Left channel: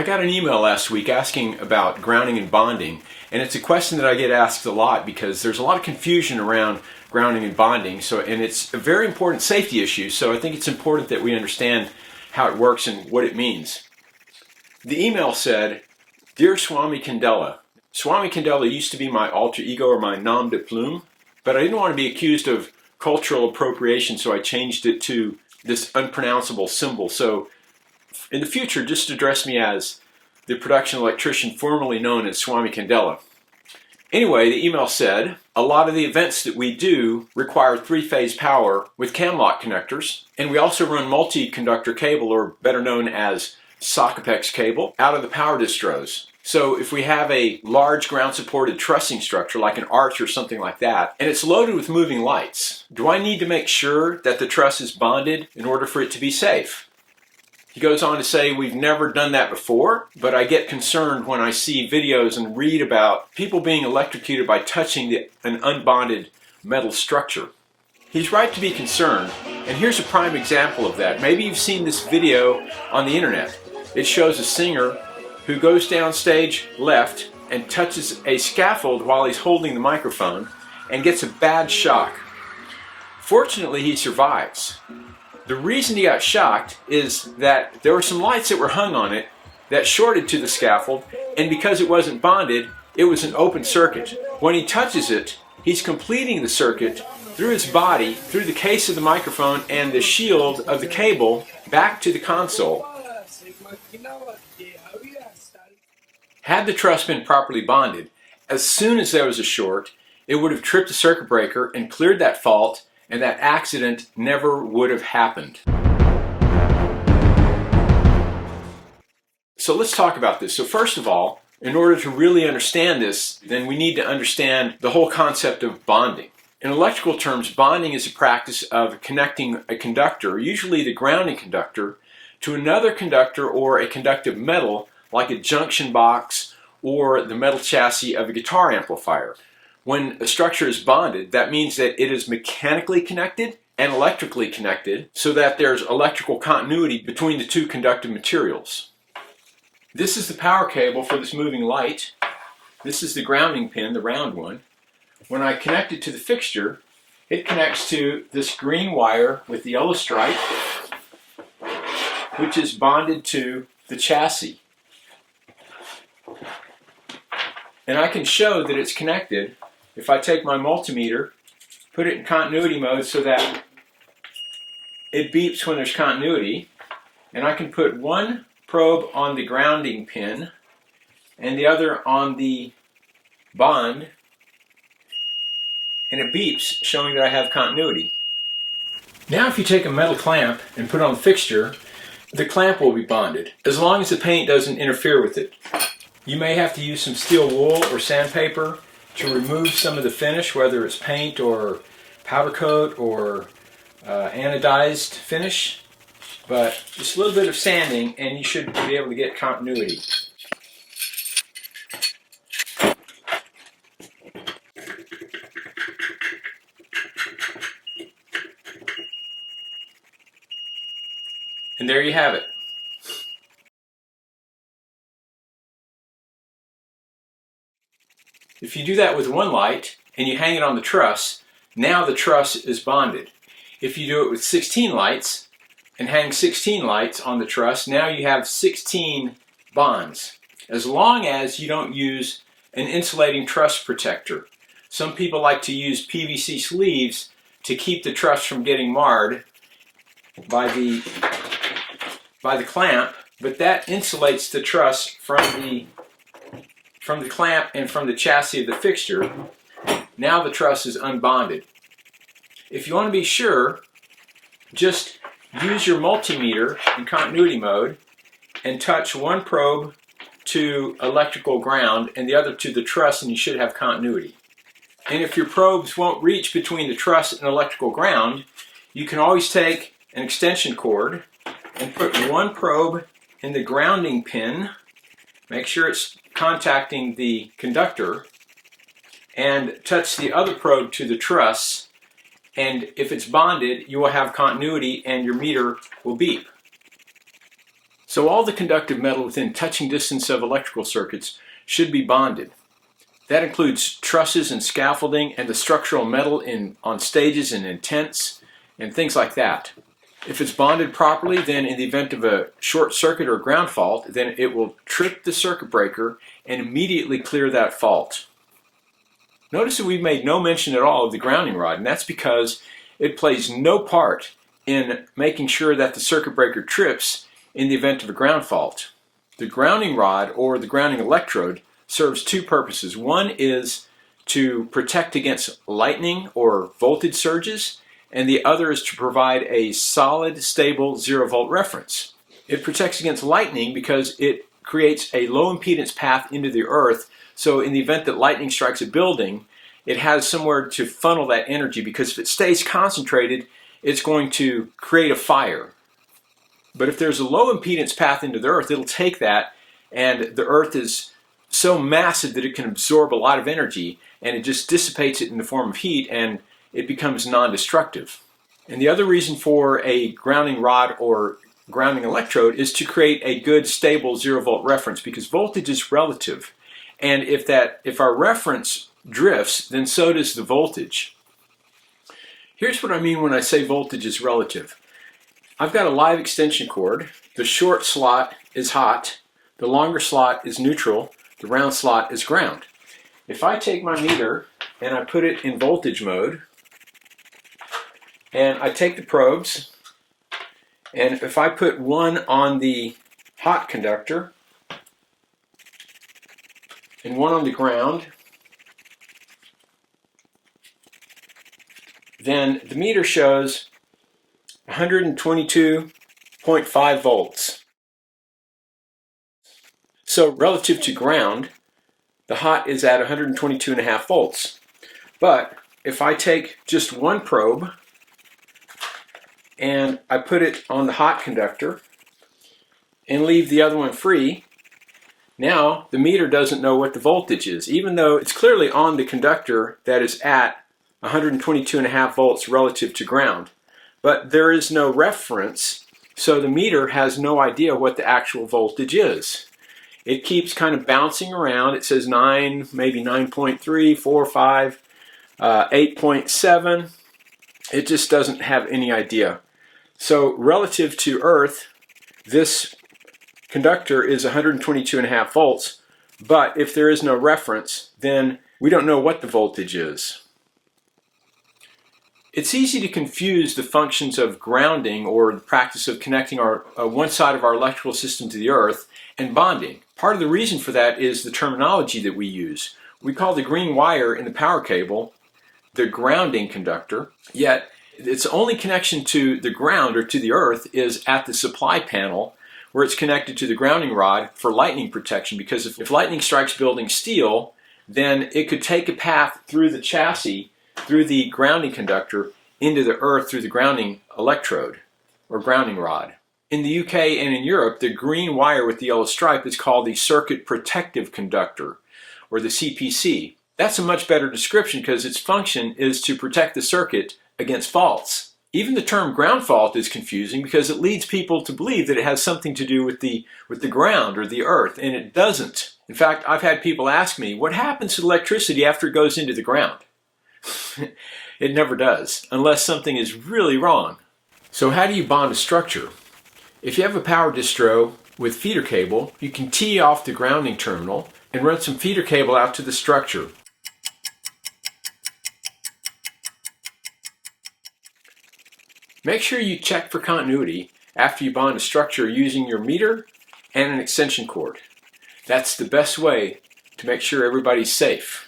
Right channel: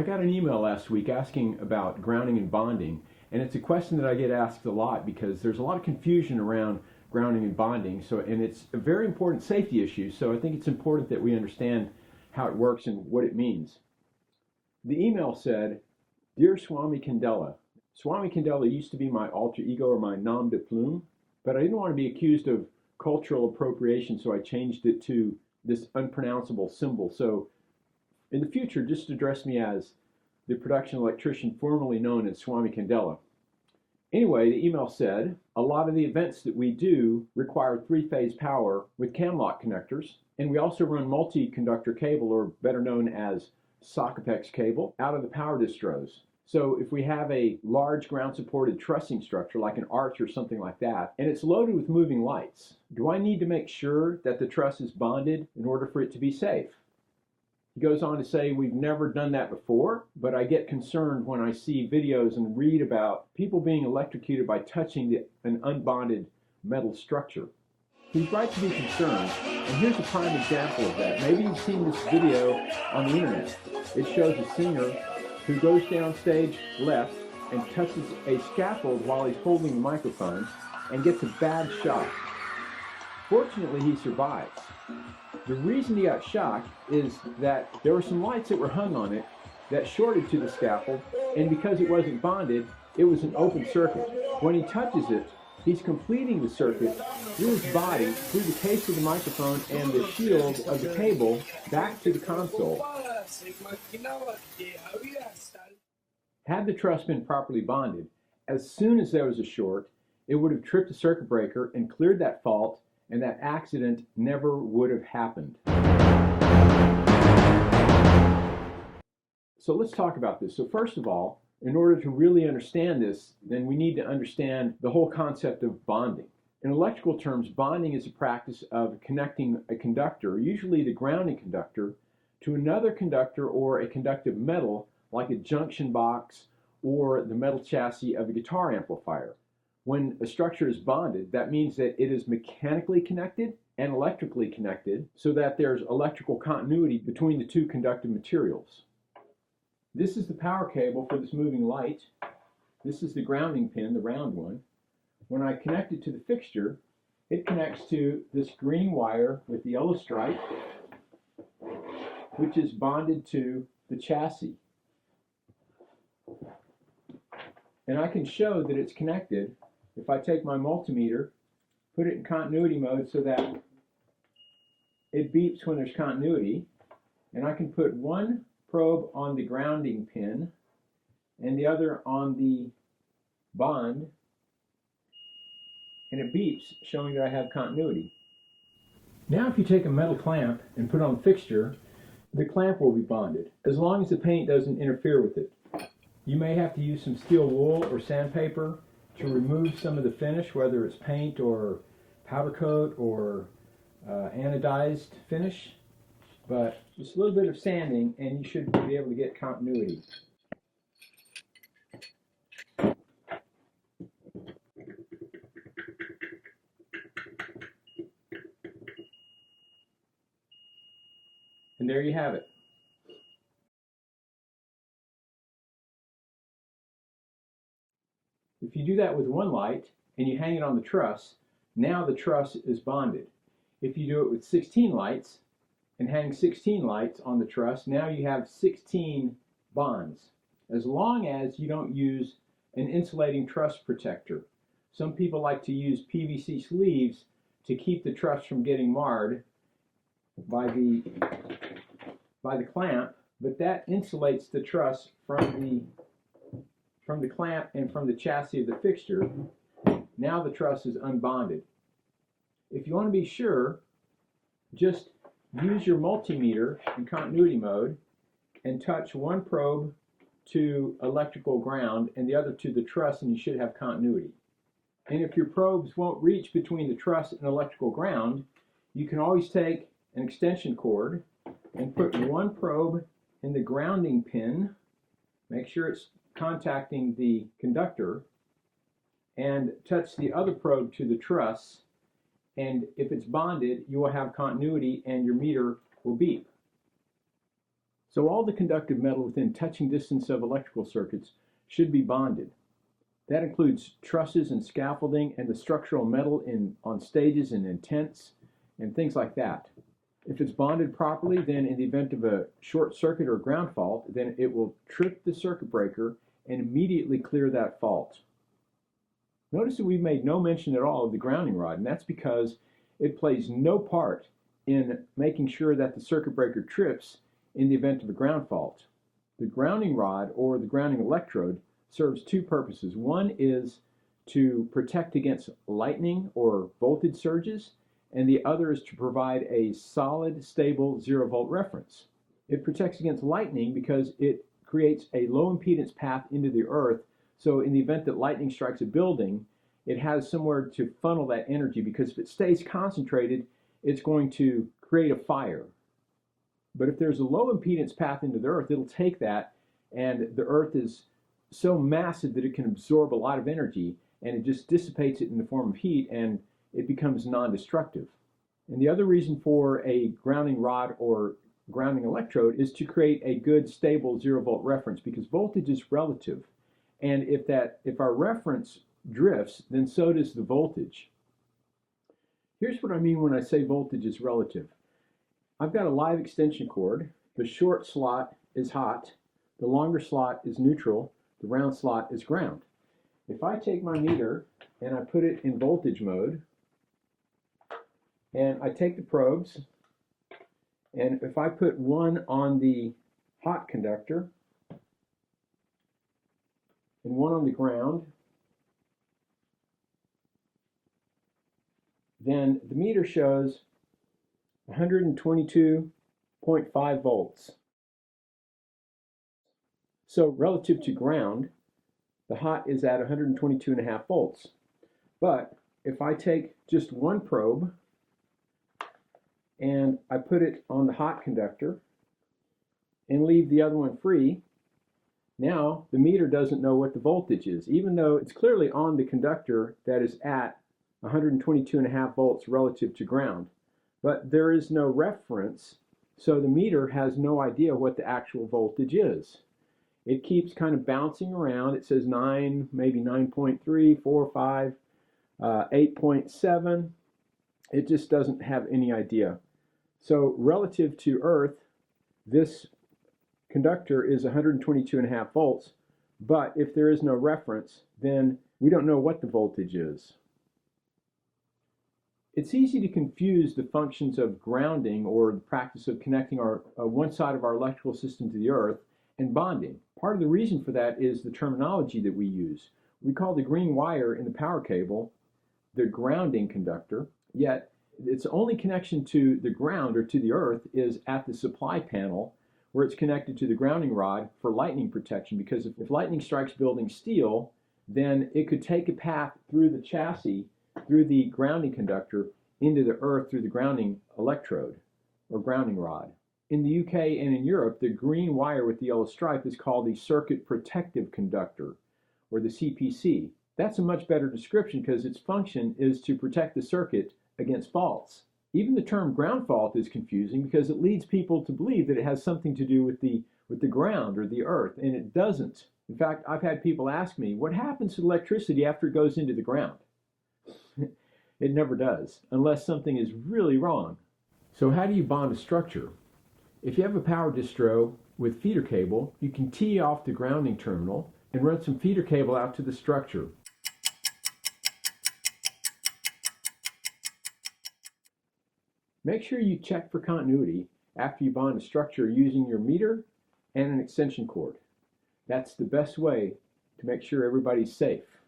I got an email last week asking about grounding and bonding, and it's a question that I get asked a lot because there's a lot of confusion around grounding and bonding, and it's a very important safety issue, so I think it's important that we understand how it works and what it means. The email said, "Dear Swami Candela, Swami Candela used to be my alter ego or my nom de plume, but I didn't want to be accused of cultural appropriation, so I changed it to this unpronounceable symbol. So in the future, just address me as the production electrician formerly known as Swami Candela." Anyway, the email said, a lot of the events that we do require three-phase power with CAMLOCK connectors, and we also run multi-conductor cable, or better known as Sockapex cable, out of the power distros. So if we have a large ground-supported trussing structure like an arch or something like that, and it's loaded with moving lights, do I need to make sure that the truss is bonded in order for it to be safe? He goes on to say, we've never done that before, but I get concerned when I see videos and read about people being electrocuted by touching an unbonded metal structure. He's right to be concerned, and here's a prime example of that. Maybe you've seen this video on the internet. It shows a singer who goes down stage left and touches a scaffold while he's holding the microphone and gets a bad shock. Fortunately, he survives. The reason he got shocked is that there were some lights that were hung on it that shorted to the scaffold, and because it wasn't bonded, it was an open circuit. When he touches it, he's completing the circuit through his body, through the case of the microphone and the shield of the cable back to the console. Had the truss been properly bonded, as soon as there was a short, it would have tripped the circuit breaker and cleared that fault, and that accident never would have happened. So let's talk about this. So first of all, in order to really understand this, then we need to understand the whole concept of bonding. In electrical terms, bonding is a practice of connecting a conductor, usually the grounding conductor, to another conductor or a conductive metal like a junction box or the metal chassis of a guitar amplifier. When a structure is bonded, that means that it is mechanically connected and electrically connected so that there's electrical continuity between the two conductive materials. This is the power cable for this moving light. This is the grounding pin, the round one. When I connect it to the fixture, it connects to this green wire with the yellow stripe, which is bonded to the chassis. And I can show that it's connected if I take my multimeter, put it in continuity mode so that it beeps when there's continuity, and I can put one probe on the grounding pin and the other on the bond, and it beeps showing that I have continuity. Now if you take a metal clamp and put it on the fixture, the clamp will be bonded, as long as the paint doesn't interfere with it. You may have to use some steel wool or sandpaper to remove some of the finish, whether it's paint or powder coat or anodized finish, but just a little bit of sanding and you should be able to get continuity. And there you have it. If you do that with one light and you hang it on the truss, now the truss is bonded. If you do it with 16 lights and hang 16 lights on the truss, now you have 16 bonds, as long as you don't use an insulating truss protector. Some people like to use PVC sleeves to keep the truss from getting marred by the clamp, but that insulates the truss from the clamp and from the chassis of the fixture. Now the truss is unbonded. If you want to be sure, just use your multimeter in continuity mode and touch one probe to electrical ground and the other to the truss, and you should have continuity. And if your probes won't reach between the truss and electrical ground, you can always take an extension cord and put one probe in the grounding pin, make sure it's contacting the conductor, and touch the other probe to the truss, and if it's bonded, you will have continuity and your meter will beep. So all the conductive metal within touching distance of electrical circuits should be bonded. That includes trusses and scaffolding and the structural metal on stages and in tents and things like that. If it's bonded properly, then in the event of a short circuit or ground fault, then it will trip the circuit breaker and immediately clear that fault. Notice that we've made no mention at all of the grounding rod, and that's because it plays no part in making sure that the circuit breaker trips in the event of a ground fault. The grounding rod or the grounding electrode serves two purposes. One is to protect against lightning or voltage surges, and the other is to provide a solid, stable 0-volt reference. It protects against lightning because it creates a low impedance path into the earth, so in the event that lightning strikes a building, it has somewhere to funnel that energy, because if it stays concentrated, it's going to create a fire. But if there's a low impedance path into the earth, it'll take that, and the earth is so massive that it can absorb a lot of energy, and it just dissipates it in the form of heat, and it becomes non-destructive. And the other reason for a grounding rod or grounding electrode is to create a good, stable 0-volt reference, because voltage is relative. And if our reference drifts, then so does the voltage. Here's what I mean when I say voltage is relative. I've got a live extension cord. The short slot is hot, the longer slot is neutral, the round slot is ground. If I take my meter and I put it in voltage mode, and I take the probes, and if I put one on the hot conductor and one on the ground, then the meter shows 122.5 volts. So relative to ground, the hot is at 122.5 volts. But if I take just one probe and I put it on the hot conductor and leave the other one free, now the meter doesn't know what the voltage is, even though it's clearly on the conductor that is at 122.5 volts relative to ground. But there is no reference, so the meter has no idea what the actual voltage is. It keeps kind of bouncing around. It says 9, maybe 9.3, 4, 5, 8.7. It just doesn't have any idea. So relative to Earth, this conductor is 122.5 volts, but if there is no reference, then we don't know what the voltage is. It's easy to confuse the functions of grounding, or the practice of connecting one side of our electrical system to the earth, and bonding. Part of the reason for that is the terminology that we use. We call the green wire in the power cable the grounding conductor, yet its only connection to the ground or to the earth is at the supply panel, where it's connected to the grounding rod for lightning protection, because if lightning strikes building steel, then it could take a path through the chassis, through the grounding conductor, into the earth through the grounding electrode or grounding rod. In the UK and in Europe, the green wire with the yellow stripe is called the circuit protective conductor, or the CPC. That's a much better description because its function is to protect the circuit against faults. Even the term ground fault is confusing because it leads people to believe that it has something to do with the ground or the earth, and it doesn't. In fact, I've had people ask me, what happens to electricity after it goes into the ground? It never does, unless something is really wrong. So how do you bond a structure? If you have a power distro with feeder cable, you can tee off the grounding terminal and run some feeder cable out to the structure. Make sure you check for continuity after you bond a structure using your meter and an extension cord. That's the best way to make sure everybody's safe.